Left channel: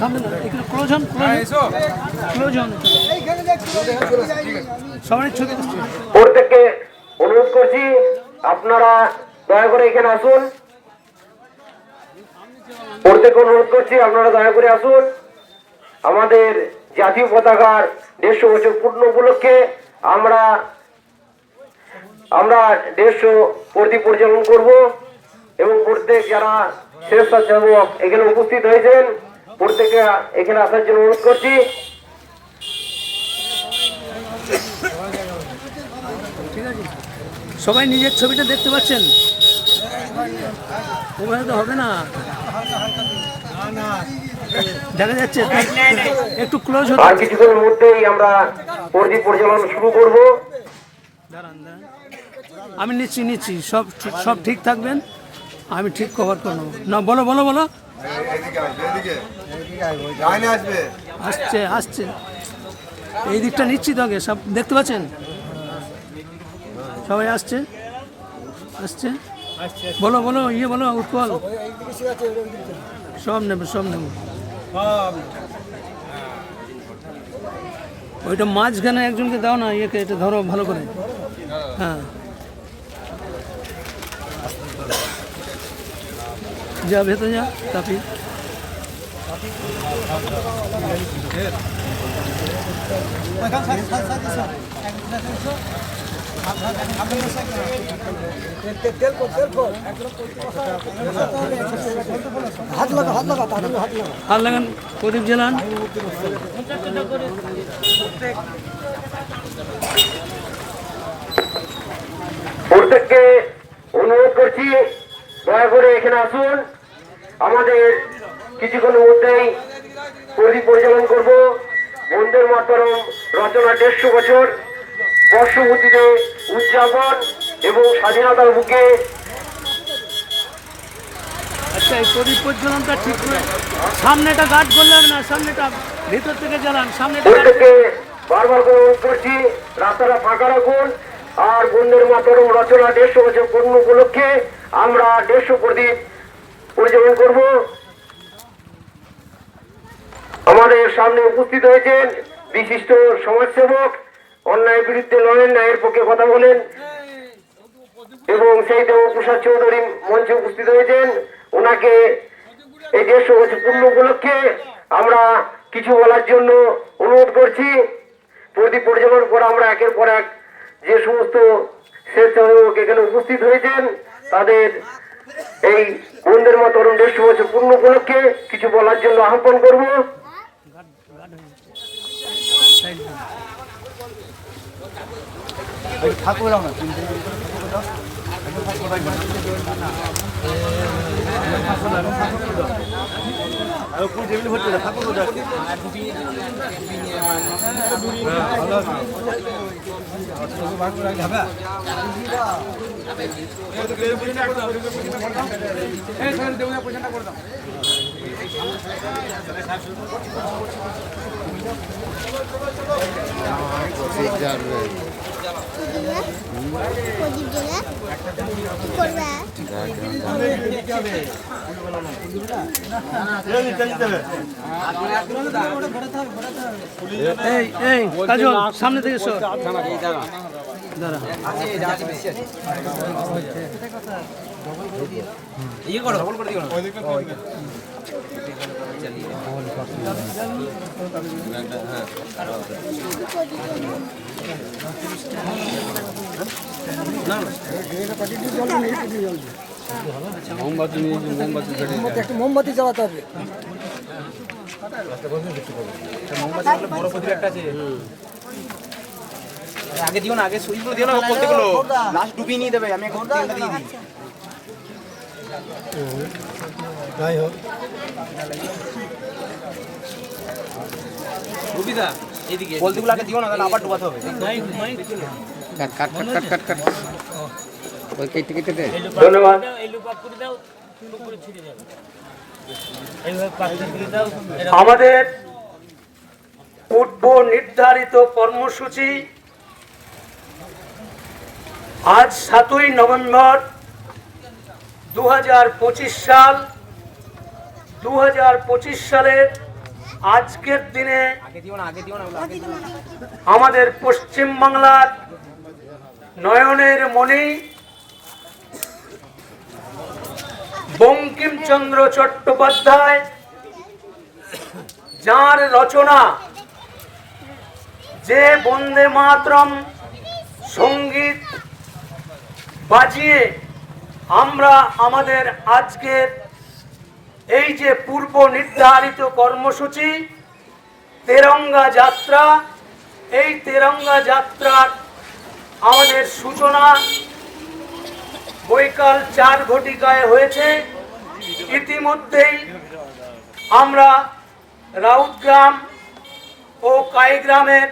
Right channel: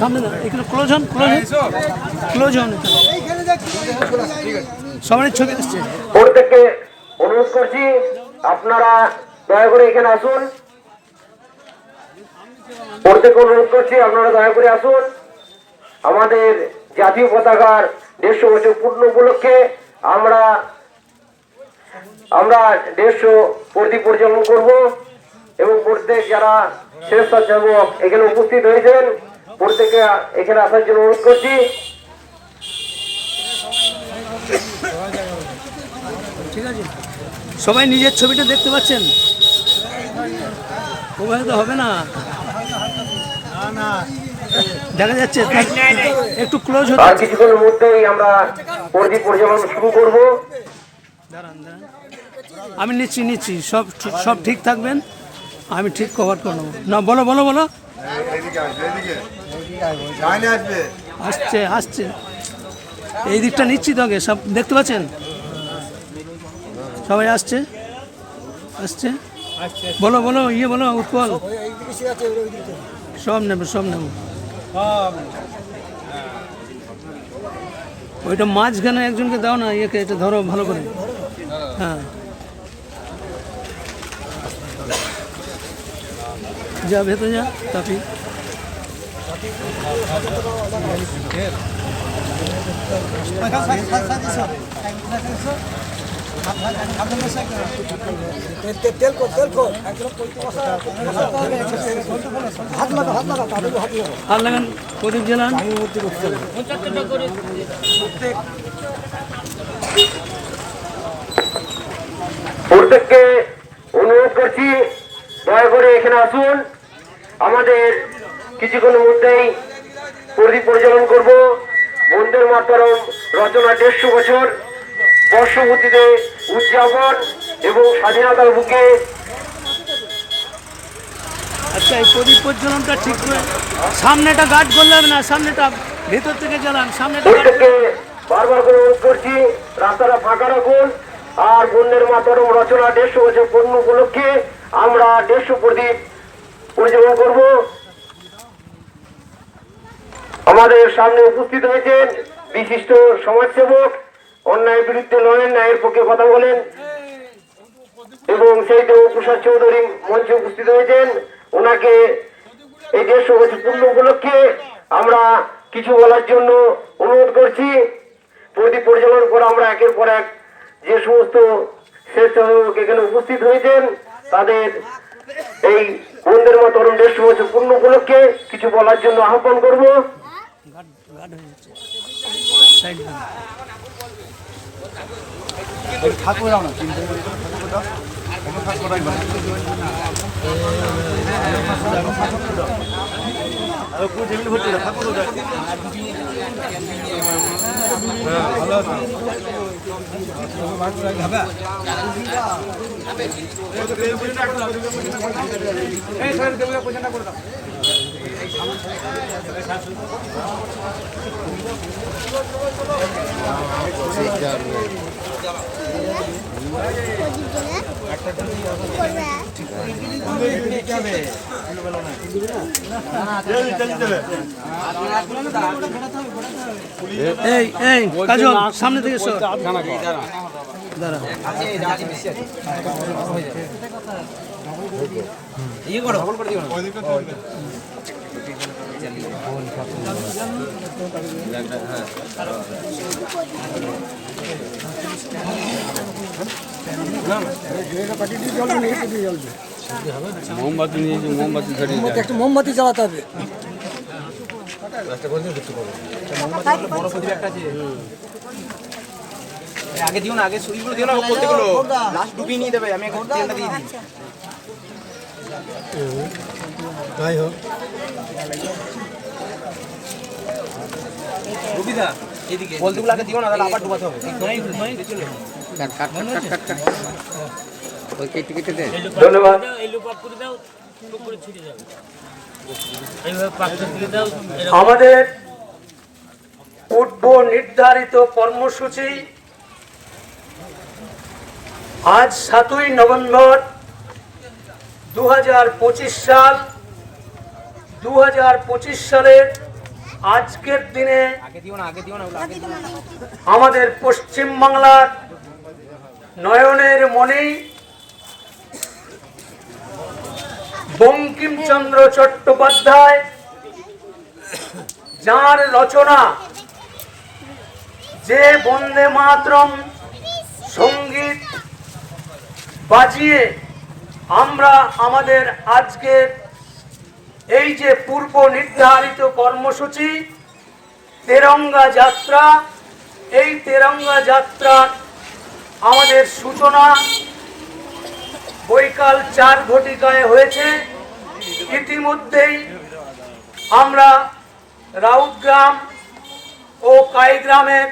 সামনে একটু ক্লোজ হন, ক্লোজ হন। সবাই ছবি আসছে। প্রত্যেককে অনুরোধ করছি আপনারা দয়া করে এখানে আসুন। প্রত্যেককে অনুরোধ করছি আপনারা দয়া করে আসুন। আমাদের জাতীয় পতাকার 150 বছর পূর্ণ উপলক্ষে আমরা 150 প্রদীপ পরিচালন করব এবং প্রত্যেক যারা স্বেচ্ছাসেবক এখানে উপস্থিত হয়েছেন প্রত্যেকে এখানে আসার জন্য অনুরোধ করছি। ঠিক আছে, সবাই নিজের ছবিটা দেখতে পাচ্ছেন? ওখানে তো হবে না, দেখা যাচ্ছে একটু ক্লোজ হতে। আর কিছুক্ষণের মধ্যেই আমরা প্রদীপ পরিচালন শুরু করব। দাঁড়ান দাঁড়ান, আমি নিচ্ছি সব ঠিক থাকবেন, আমি ঠিক কভার করে নেবো। না বলো বলো বলো। আসছে আসছে, এই দিকটা নিচ্ছি তো আগে, সব দেখতে পাচ্ছেন? সবাই আসছে আসছে, বলো বলো, ইয়ে বলো উৎপল, সব নেবে সব নেব। ওইটা মাঝখানে একজনকে দাও না, ইয়েকে এটা ধরো ভালো করে। হ্যাঁ, যা ভেতরে যা তাপি। হাত লাগান, প্রদীপ জ্বালান। প্রত্যেককে অনুরোধ করছি দয়া করে এখানে আসুন। আমাদের কিছুক্ষণের মধ্যেই প্রদীপ পরিচালন করব। বন্দে মাতরম রচনা 150 বছর বর্ষপূর্তিতে উদযাপন এবং স্বাধীনতার বুকে। আচ্ছা, এই প্রদীপ প্রজ্বলনটা ঠিক করে সামনেটা গাছ করলে হবে না, সামনেটা ভিতর থেকে জ্বালান, সামনেটা। প্রত্যেককে বারবার করে অনুরোধ করছি রাস্তাটা ফাঁকা রাখুন। আর বন্দে মাতরম রচনা 150 বছর পূর্ণ উপলক্ষে আমরা 150 প্রদীপ পরিচালন করব। আমাদের সামনে উপস্থিত হয়েছেন বিশিষ্ট সমাজসেবক, অন্যায় বিরুদ্ধে লড়েন, ন্যায়ের পক্ষে কথা বলেন এবং সেই দেবপ্রসাদ চৌধুরী মঞ্চে উপস্থিত হয়েছেন। ওনাকে এই 150 বছর পূর্ণ উপলক্ষে আমরা কিছু বলার জন্য অনুরোধ করছি। প্রদীপ পরিচালনা করে আমরা একের পর এক যে সমস্ত স্বেচ্ছাসেবক এখানে উপস্থিত হয়েছেন তাদের এই বন্দে মাতরম 150 বছর পূর্ণ উপলক্ষে কিছু বলার জন্য আহ্বান করব। এই এই কাজল সামনে থেকে সর, দাঁড়া। ইয়ে করো মোমবাতি জ্বালাতে হবে। আগে দিও না, আগে সুইচগুলো দিও না, প্রত্যেকগুলো লাস্ট ডুবিয়ে নিয়ে দেবে। আমি এখন তেলটা দিয়ে দিই। যাই হোক, রবিদা এদিকে বলতেগুলো আগে দিও না, তাহলে আবার ডুবাতে হবে। ধন্যবাদ। আমাদের পূর্ব নির্ধারিত কর্মসূচি আজ 7ই নভেম্বর 2025 সাল 2025 সালের আজকের দিনে আগে দিও না আমাদের পশ্চিম বাংলার নয়নের মণি বঙ্কিমচন্দ্র চট্টোপাধ্যায়, যার রচনা যে বন্দে মাতরম সঙ্গীত বাজিয়ে আমরা আমাদের আজকের এই যে পূর্ব নির্ধারিত কর্মসূচি তেরঙ্গা যাত্রা, এই তেরঙ্গা যাত্রার আমাদের সূচনা বৈকাল 4 ঘটিকায় হয়েছে। ইতিমধ্যেই আমরা রাউতগ্রাম ও কাইগ্রামের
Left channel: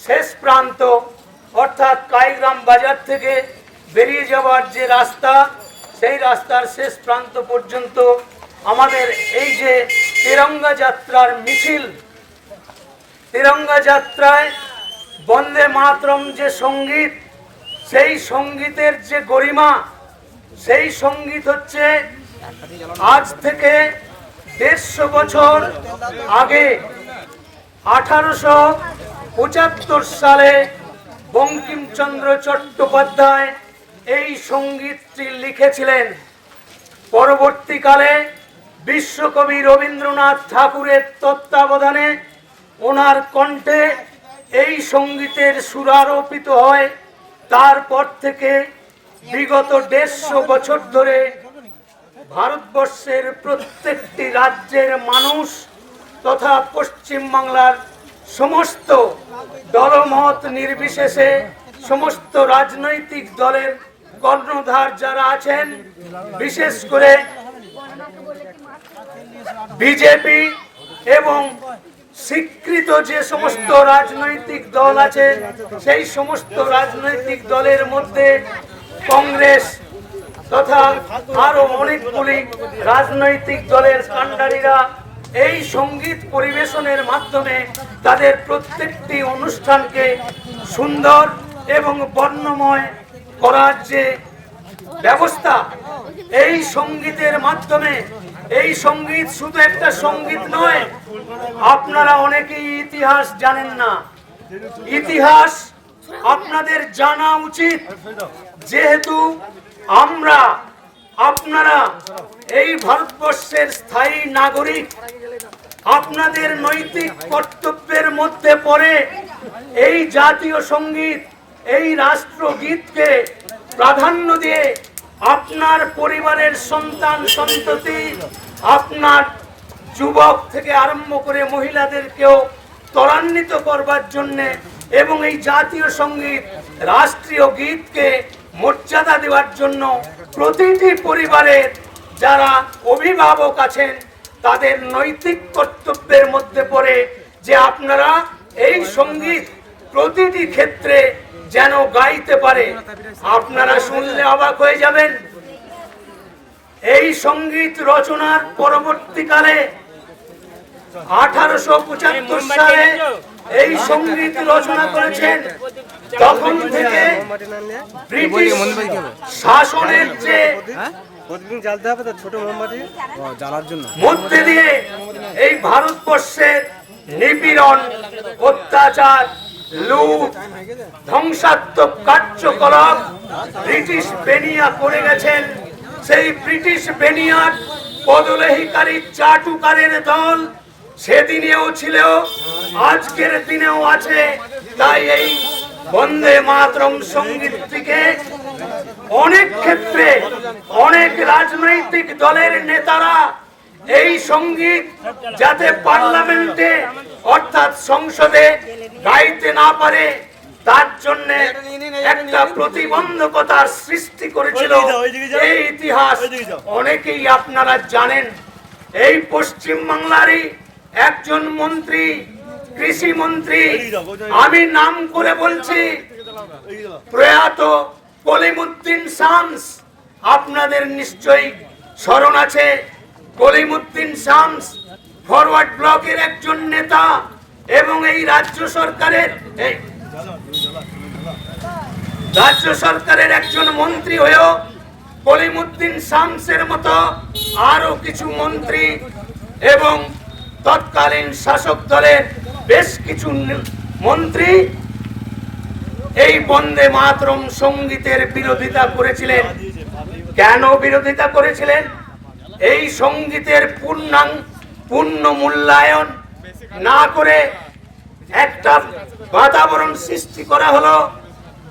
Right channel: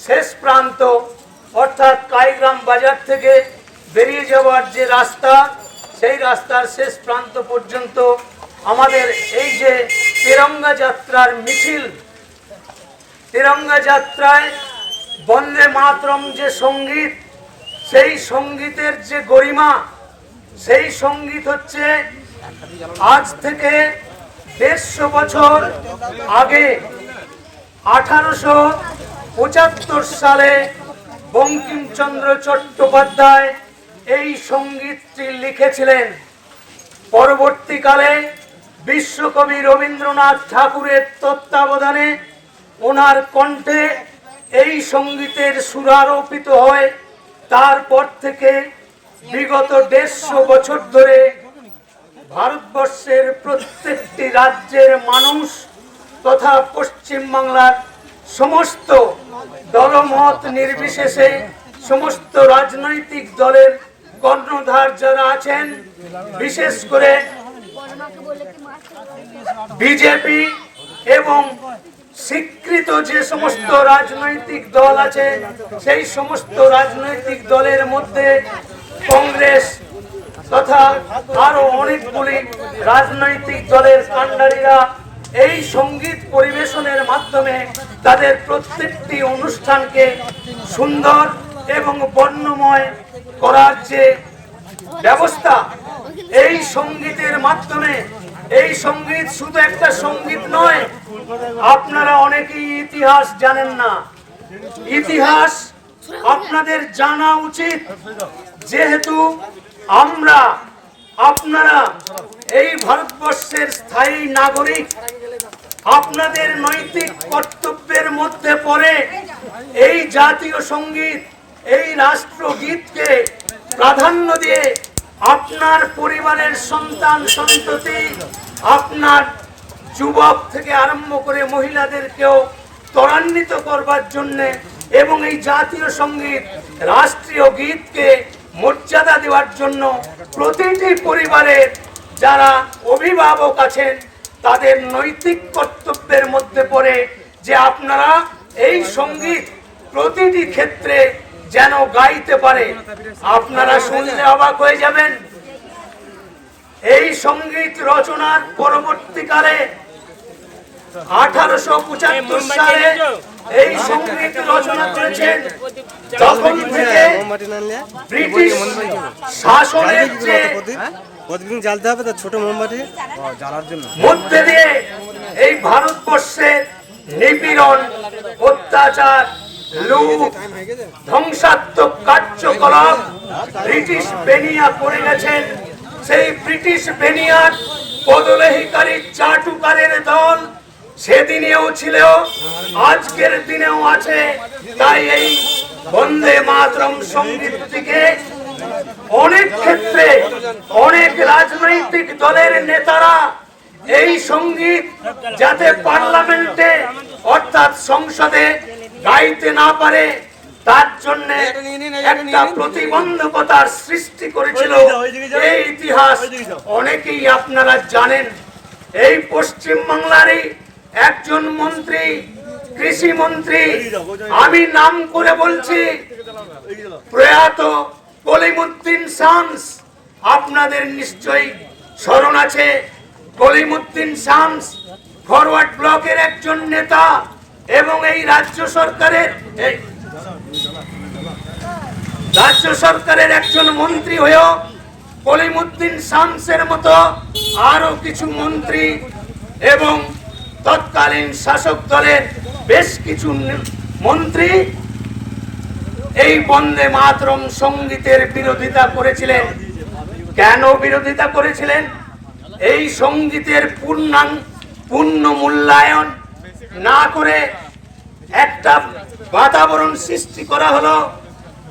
শেষ প্রান্ত অর্থাৎ কাইগ্রাম বাজার থেকে বেরিয়ে যাওয়ার যে রাস্তা, সেই রাস্তার শেষ প্রান্ত পর্যন্ত আমাদের এই যে তেরঙ্গা যাত্রার মিছিল, তেরঙ্গা যাত্রায় বন্দে মাতরম যে সঙ্গীত, সেই সঙ্গীতের যে গরিমা, সেই সঙ্গীত হচ্ছে আজ থেকে 150 বছর আগে 1875 সালে বঙ্কিমচন্দ্র চট্টোপাধ্যায় এই সঙ্গীতটি লিখেছিলেন। পরবর্তীকালে বিশ্বকবি রবীন্দ্রনাথ ঠাকুরের তত্ত্বাবধানে ওনার কণ্ঠে এই সঙ্গীতের সুরারোপিত হয়। তারপর থেকে বিগত 150 বছর ধরে ভারতবর্ষের প্রত্যেকটি রাজ্যের মানুষ তথা পশ্চিম বাংলার সমস্ত দলমত নির্বিশেষে সমস্ত রাজনৈতিক দলের কর্ণধার যারা আছেন, বিশেষ করে বিজেপি এবং স্বীকৃত যে সমস্ত রাজনৈতিক দল আছে, সেই সমস্ত রাজনৈতিক দলের মধ্যে কংগ্রেস তথা আরো অনেকগুলি রাজনৈতিক দলের কাণ্ডারীরা এই সঙ্গীত পরিবেশনের মাধ্যমে তাদের প্রত্যেকটি অনুষ্ঠানকে সুন্দর এবং বর্ণময় করার যে ব্যবস্থা, এই সঙ্গীতের মাধ্যমে, এই সঙ্গীত শুধু একটা সঙ্গীত নয়। আপনারা অনেকেই ইতিহাস জানেন না, ইতিহাস আপনাদের জানা উচিত, যেহেতু আমরা আপনারা এই ভারতবর্ষের স্থায়ী নাগরিক। আপনাদের নৈতিক কর্তব্যের মধ্যে পড়ে এই জাতীয় সঙ্গীত, এই রাষ্ট্রগীতকে প্রাধান্য দিয়ে আপনার পরিবারের সন্তান সন্ততি, আপনার যুবক থেকে আরম্ভ করে মহিলাদেরকেও ত্বরান্বিত করবার জন্যে এবং এই জাতীয় সঙ্গীত রাষ্ট্রীয় গীতকে মর্যাদা দেওয়ার জন্য প্রতিটি পরিবারের যারা অভিভাবক আছেন তাদের নৈতিক কর্তব্যের মধ্যে পড়ে যে আপনারা এই সঙ্গীত প্রতিটি ক্ষেত্রে যেন গাইতে পারে। আপনারা শুনলে অবাক হয়ে যাবেন, এই সঙ্গীত রচনার পরবর্তীকালে 1875 সালে এই সঙ্গীত রচনা করেছেন। তখন থেকে ব্রিটিশ শাসনের যে জ্বালতে হবে, তার ছোট মোমবাতি জ্বালার জন্য মধ্যে দিয়ে এই ভারতবর্ষের নিপীড়ন, অত্যাচার, লুট, ধ্বংসাত্মক কার্যকলাপ ব্রিটিশ বেনিয়া করে গেছেন। সেই ব্রিটিশ বেনিয়ার পদলেহিকারী চাটুকারের দল সেদিনেও ছিল, আজকের দিনেও আছে। তাই এই বন্দে মাতরম সঙ্গীতটিকে অনেক ক্ষেত্রে অনেক রাজনৈতিক দলের নেতারা এই সঙ্গীত যাতে পার্লামেন্টে অর্থাৎ সংসদে গাইতে না পারে তার জন্য একটা প্রতিবন্ধকতার সৃষ্টি করেছিল। এই ইতিহাস অনেকেই আপনারা জানেন। এই পশ্চিম বাংলারই একজন মন্ত্রী, কৃষি মন্ত্রী, আমি নাম করে বলছি, প্রয়াত কলিমুদ্দিন শামস, আপনাদের নিশ্চয়ই স্মরণ আছে। কলিমুদ্দিন শামস ফরওয়ার্ড ব্লকের একজন নেতা এবং এই রাজ্য সরকারের একজন মন্ত্রী হয়েও কলিমুদ্দিন শামসের মতো আরো কিছু মন্ত্রী এবং তৎকালীন শাসক দলের বেশ কিছু মন্ত্রী এই বন্দে মাতরম সঙ্গীতের বিরোধিতা করেছিলেন। কেন বিরোধিতা করেছিলেন? এই সঙ্গীতের পূর্ণ মূল্যায়ন না করে একটা বাতাবরণ সৃষ্টি করা হলো।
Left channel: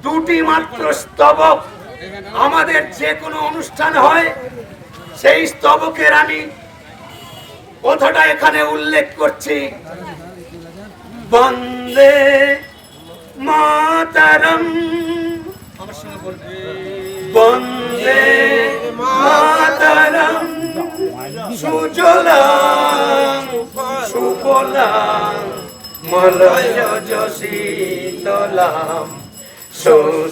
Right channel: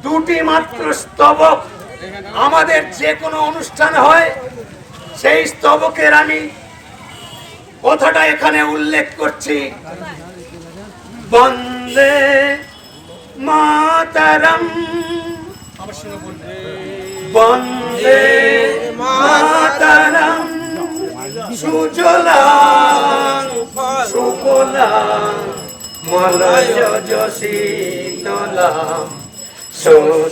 দুটি মাত্র স্তবক আমাদের যে কোনো অনুষ্ঠান হয়, সেই স্তবকের আমি কথাটা এখানে উল্লেখ করছি। বন্দে মাতরম, বন্দে মাতরম, সুজলাং সুফলাং মলয়জ শীতলাং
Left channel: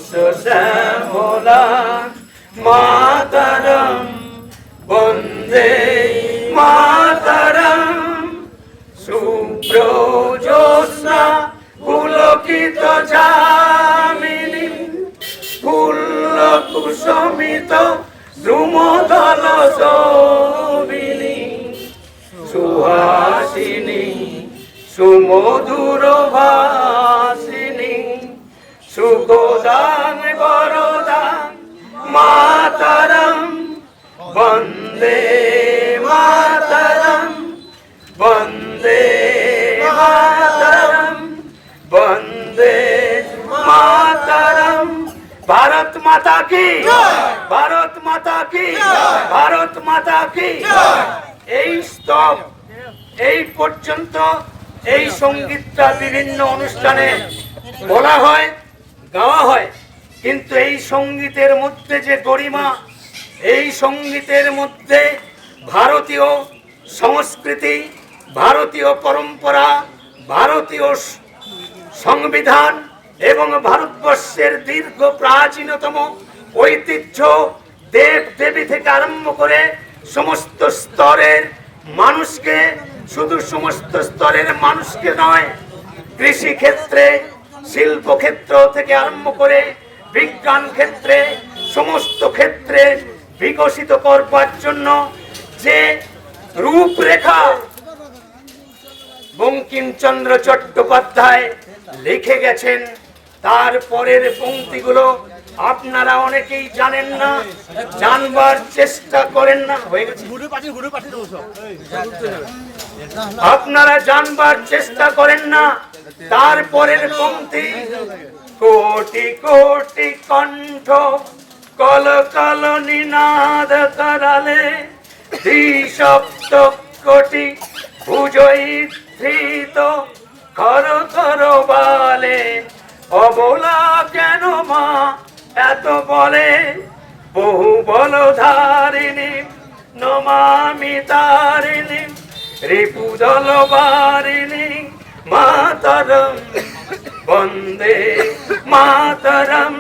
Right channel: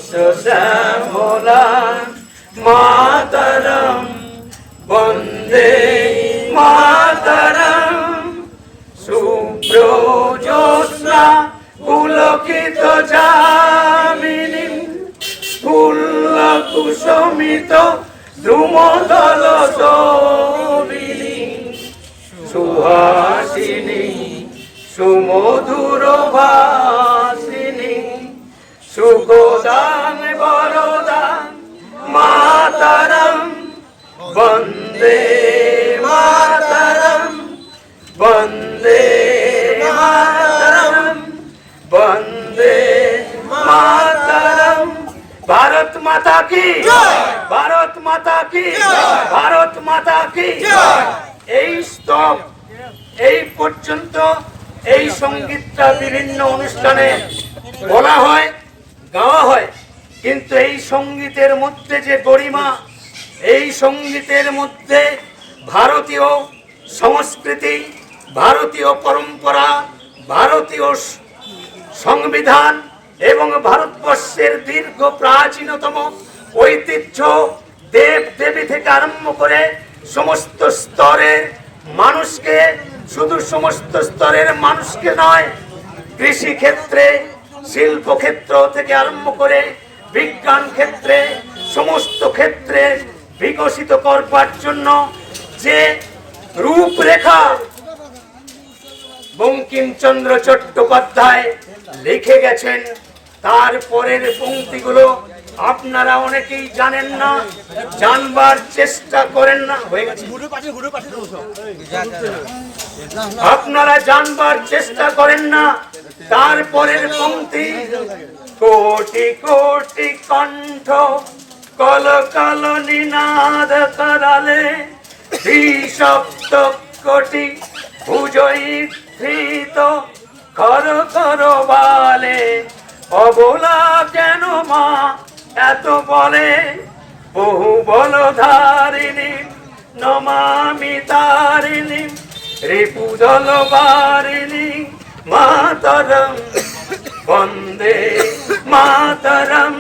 সুশ্যামলাং মাতরম, বন্দে মাতরম, শুভ্রজ্যোৎস্না পুলকিত যামিনীং ফুল্লকুসুমিত দ্রুমদল শোভিনীং সুহাসিনীং সুমধুর ভাসিনীং সুখদাং বরদাং মাতরম, বন্দে মাতরম, বন্দে মাতরম, বন্দে মাতরম। ভারত মাতা কি, ভারত মাতা কি, ভারত মাতা কি। এই স্তব এই পর্যন্ত এই সঙ্গীতটা বিভিন্ন অনুষ্ঠানে বলা হয়, গাওয়া হয়, কিন্তু এই সঙ্গীতের মধ্যে যে গরিমা, এই সঙ্গীতের মধ্যে ভারতীয় সংস্কৃতি, ভারতীয় পরম্পরা, ভারতীয় সংবিধান এবং ভারতবর্ষের দীর্ঘ প্রাচীনতম ঐতিহ্য, দেব দেবী থেকে আরম্ভ করে সমস্ত স্তরের মানুষকে, শুধু সমস্ত স্তরের মানুষকে নয়, কৃষি ক্ষেত্রে, শিল্প ক্ষেত্র থেকে আরম্ভ করে বিজ্ঞান ক্ষেত্রে, সমস্ত ক্ষেত্রে বিকশিত করবার জন্য যে রূপরেখা বঙ্কিমচন্দ্র চট্টোপাধ্যায় লিখে গেছেন, তার পরের পংক্তিগুলো আপনারা অনেকেই জানেন না, জানবার চেষ্টা করেন না। হয়ে গেছে, আপনারা জানবার চেষ্টা করেন না। তারপরের পংক্তি, কোটি কোটি কণ্ঠ কল কল নিনাদ করালে দ্বিসপ্ত কোটি ভুজয়ী ধৃত খর খর বালে অবলা কেন মা এত বলে বহু বল ধারিণী নমামি তারিণী রিপুদল বারিণী মাতরম, বন্দে মাতরম,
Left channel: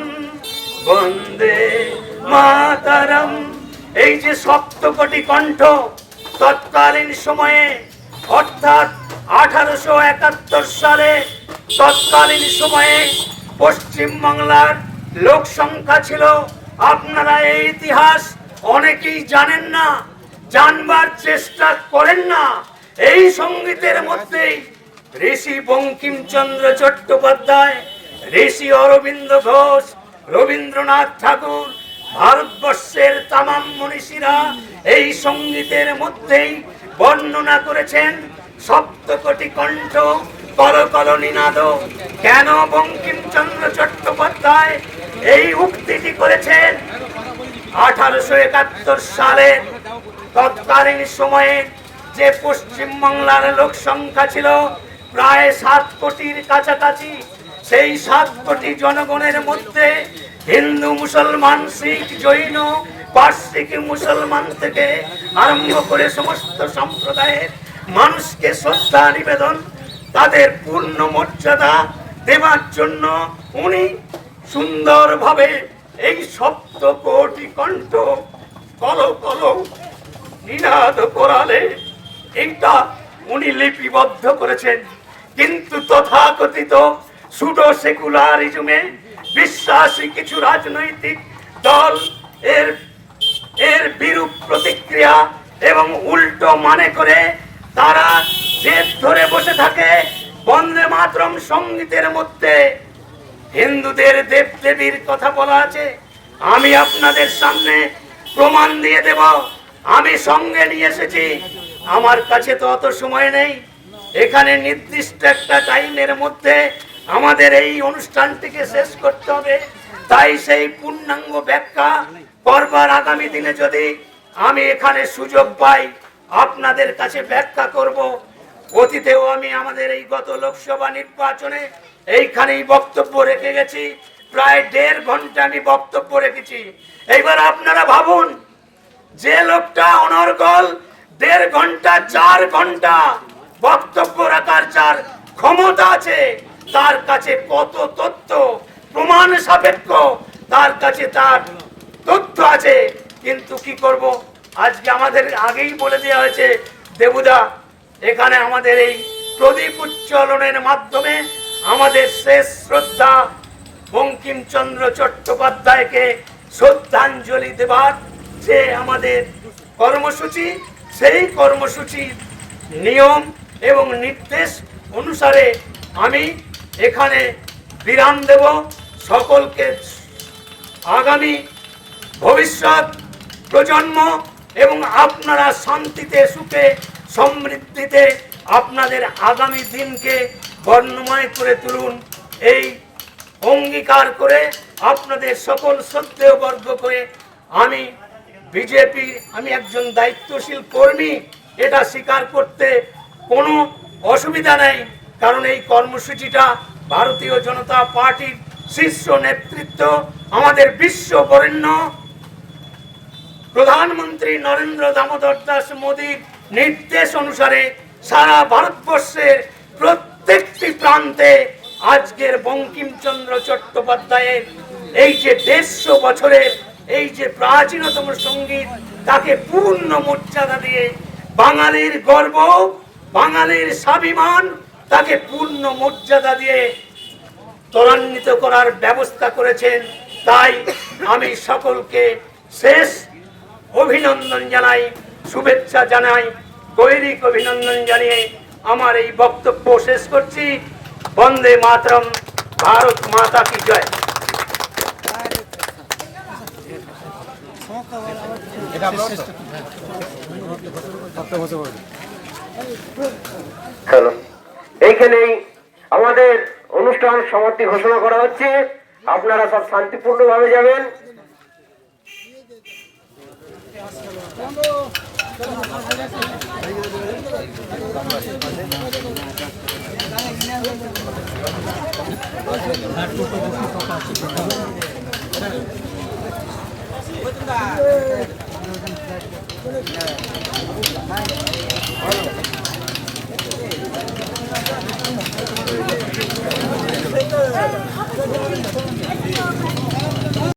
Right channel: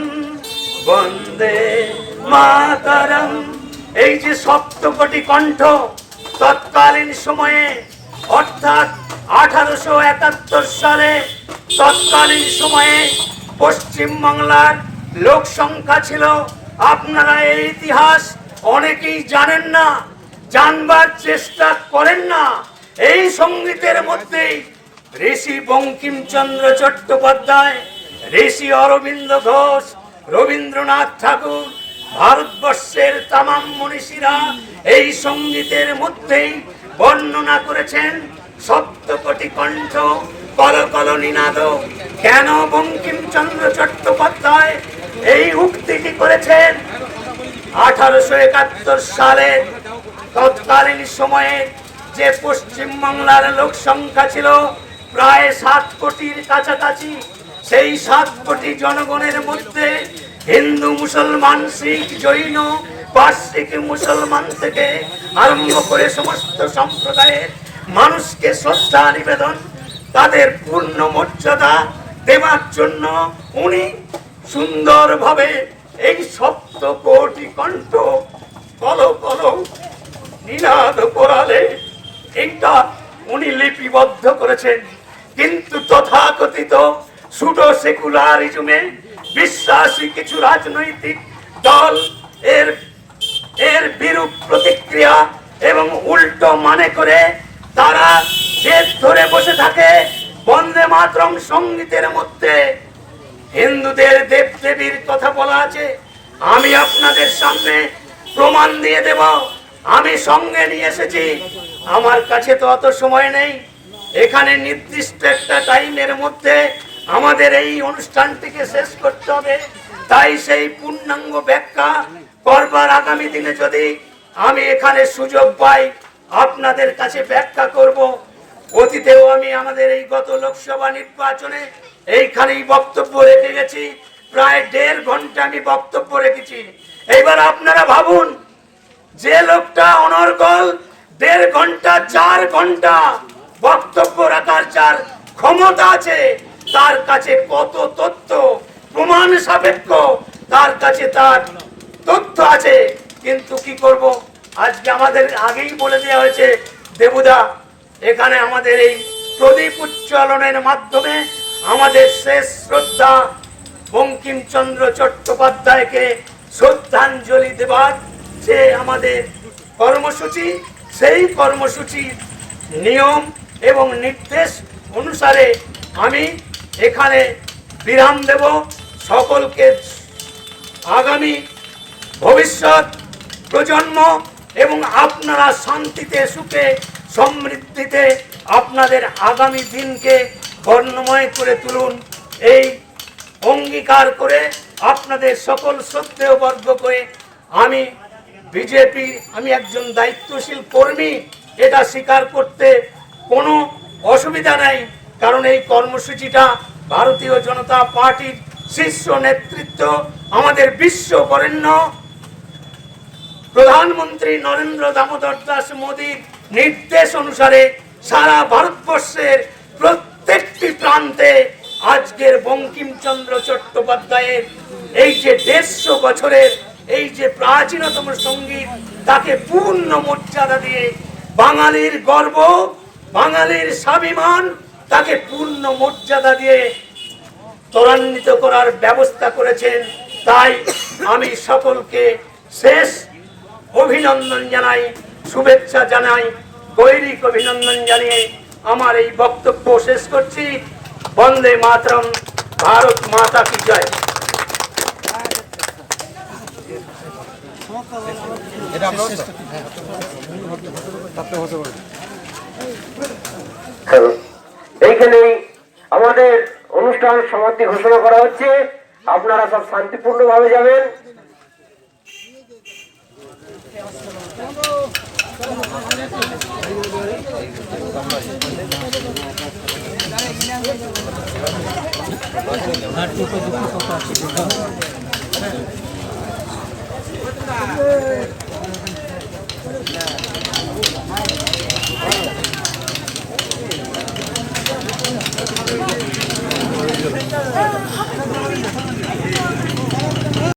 বন্দে মাতরম। এই যে সপ্তকোটি কণ্ঠ তৎকালীন সময়ে, অর্থাৎ 1871 সালে তৎকালীন সময়ে পশ্চিম বাংলার লোক সংখ্যা ছিল, আপনারা এই ইতিহাস অনেকেই জানেন না, জানবার চেষ্টা করেন না। এই সঙ্গীতের মধ্যে ঋষি বঙ্কিমচন্দ্র চট্টোপাধ্যায়, ঋষি অরবিন্দ ঘোষ, রবীন্দ্রনাথ ঠাকুর, ভারতবর্ষের তামাম মনীষীরা এই সঙ্গীতের মধ্যেই বর্ণনা করেছেন সপ্তকোটি কণ্ঠ কল কল নিনাদ। কেন বঙ্কিমচন্দ্র চট্টোপাধ্যায় এই উক্তিটি করেছেন? 1871 সালে তৎকালীন সময়ে যে পশ্চিম বাংলার লোক সংখ্যা ছিল প্রায় 7 কোটির কাছাকাছি, সেই 7 কোটি জনগণের মধ্যে হিন্দু, মুসলমান, শিখ, জৈন, পার্সিক মুসলমান থেকে আরম্ভ করে সমস্ত সম্প্রদায়ের মানুষকে শ্রদ্ধা নিবেদন, তাদের পূর্ণ মর্যাদা দেওয়ার জন্য উনি সুন্দরভাবে এই সপ্ত কোটি কণ্ঠ কল কল নিনাদ করালে এইটা উনি লিপিবদ্ধ করেছেন। কিন্তু তথাকথিত সুডো সেকুলারিজমে বিশ্বাসী কিছু রাজনৈতিক দল এর বিরূপ প্রতিক্রিয়া এবং উল্টো মানে করে তারা জেদ ধরে বসে থাকে বন্দে মাতরম সঙ্গীতের মধ্যে হিন্দুদের দেব দেবীর কথা বলা আছে। আমি আপনাদের সামনে প্রমাণ দিয়ে দেব, আমি সঙ্গে নিয়ে এসেছি। আমার কাছে তো অত সময় নেই, এখানে নির্দিষ্ট একটা টাইমের মধ্যে আমাদের এই অনুষ্ঠানটিকে শেষ করতে হবে। তাই সেই পূর্ণাঙ্গ ব্যাখ্যা করবার আগামী দিনে যদি আমি এখানে সুযোগ পাই আপনাদের কাছে ব্যাখ্যা করব। অতীতেও আমি আমাদের এই গত লোকসভা নির্বাচনে এইখানেই বক্তব্য রেখে গেছি, প্রায় 1.5 ঘন্টা আমি বক্তব্য রেখেছি। এইবার আপনারা ভাবুন, যে লোকটা অনর্গল 1.5 ঘন্টা 4 ঘন্টা বক্তব্য রাখার যার ক্ষমতা আছে, তার কাছে কত তথ্য প্রমাণ সাপেক্ষ তার কাছে তার তথ্য আছে। কিন্তু কি করব, আজকে আমাদের আগেই বলে দেওয়া হয়েছে দেবুদা, এখানে আমাদের এই প্রদীপ উজ্জ্বলনের মাধ্যমে আমাদের শেষ শ্রদ্ধা বঙ্কিমচন্দ্র চট্টোপাধ্যায়কে শ্রদ্ধাঞ্জলি দেবার যে আমাদের কর্মসূচি, সেই কর্মসূচির নিয়ম এবং নির্দেশ অনুসারে আমি এখানে বিরাম দেব। সকলকে আগামী ভবিষ্যৎ প্রজন্ম এবং আপনারা শান্তিতে সুখে সমৃদ্ধিতে আপনাদের আগামী দিনকে বর্ণময় করে তুলুন, এই অঙ্গীকার করে আপনাদের সকল শ্রদ্ধেয় বর্গ করে আমি বিজেপি, আমি একজন দায়িত্বশীল কর্মী, এটা স্বীকার করতে কোনো অসুবিধা নেই। কারণ এই কর্মসূচিটা ভারতীয় জনতা পার্টির শীর্ষ নেতৃত্ব, আমাদের বিশ্ব বরেণ্য প্রধানমন্ত্রী নরেন্দ্র দামোদর দাস মোদীর নির্দেশ অনুসারে সারা ভারতবর্ষের প্রত্যেকটি প্রান্তে আজকের বঙ্কিমচন্দ্র চট্টোপাধ্যায়ের এই যে 150 বছরের এই যে প্রাচীনতম সঙ্গীত, তাকে পূর্ণ মর্যাদা দিয়ে বাঙালির গর্ব, বাঙালির স্বাভিমান, তাকে পূর্ণ মর্যাদা দিয়ে ত্বরান্বিত করার ব্যবস্থা করেছেন। তাই আমি সকলকে শেষ অভিনন্দন জানাই, শুভেচ্ছা জানাই, গৈরিক অভিনন্দন জানিয়ে আমার এই বক্তব্য শেষ করছি। বন্দে মাতরম, ভারত মাতা কি জয়। এইখানেই আমাদের অনুষ্ঠান সমাপ্তি ঘোষণা করা হচ্ছে। আপনারা সব শান্তিপূর্ণ ভাবে যাবেন।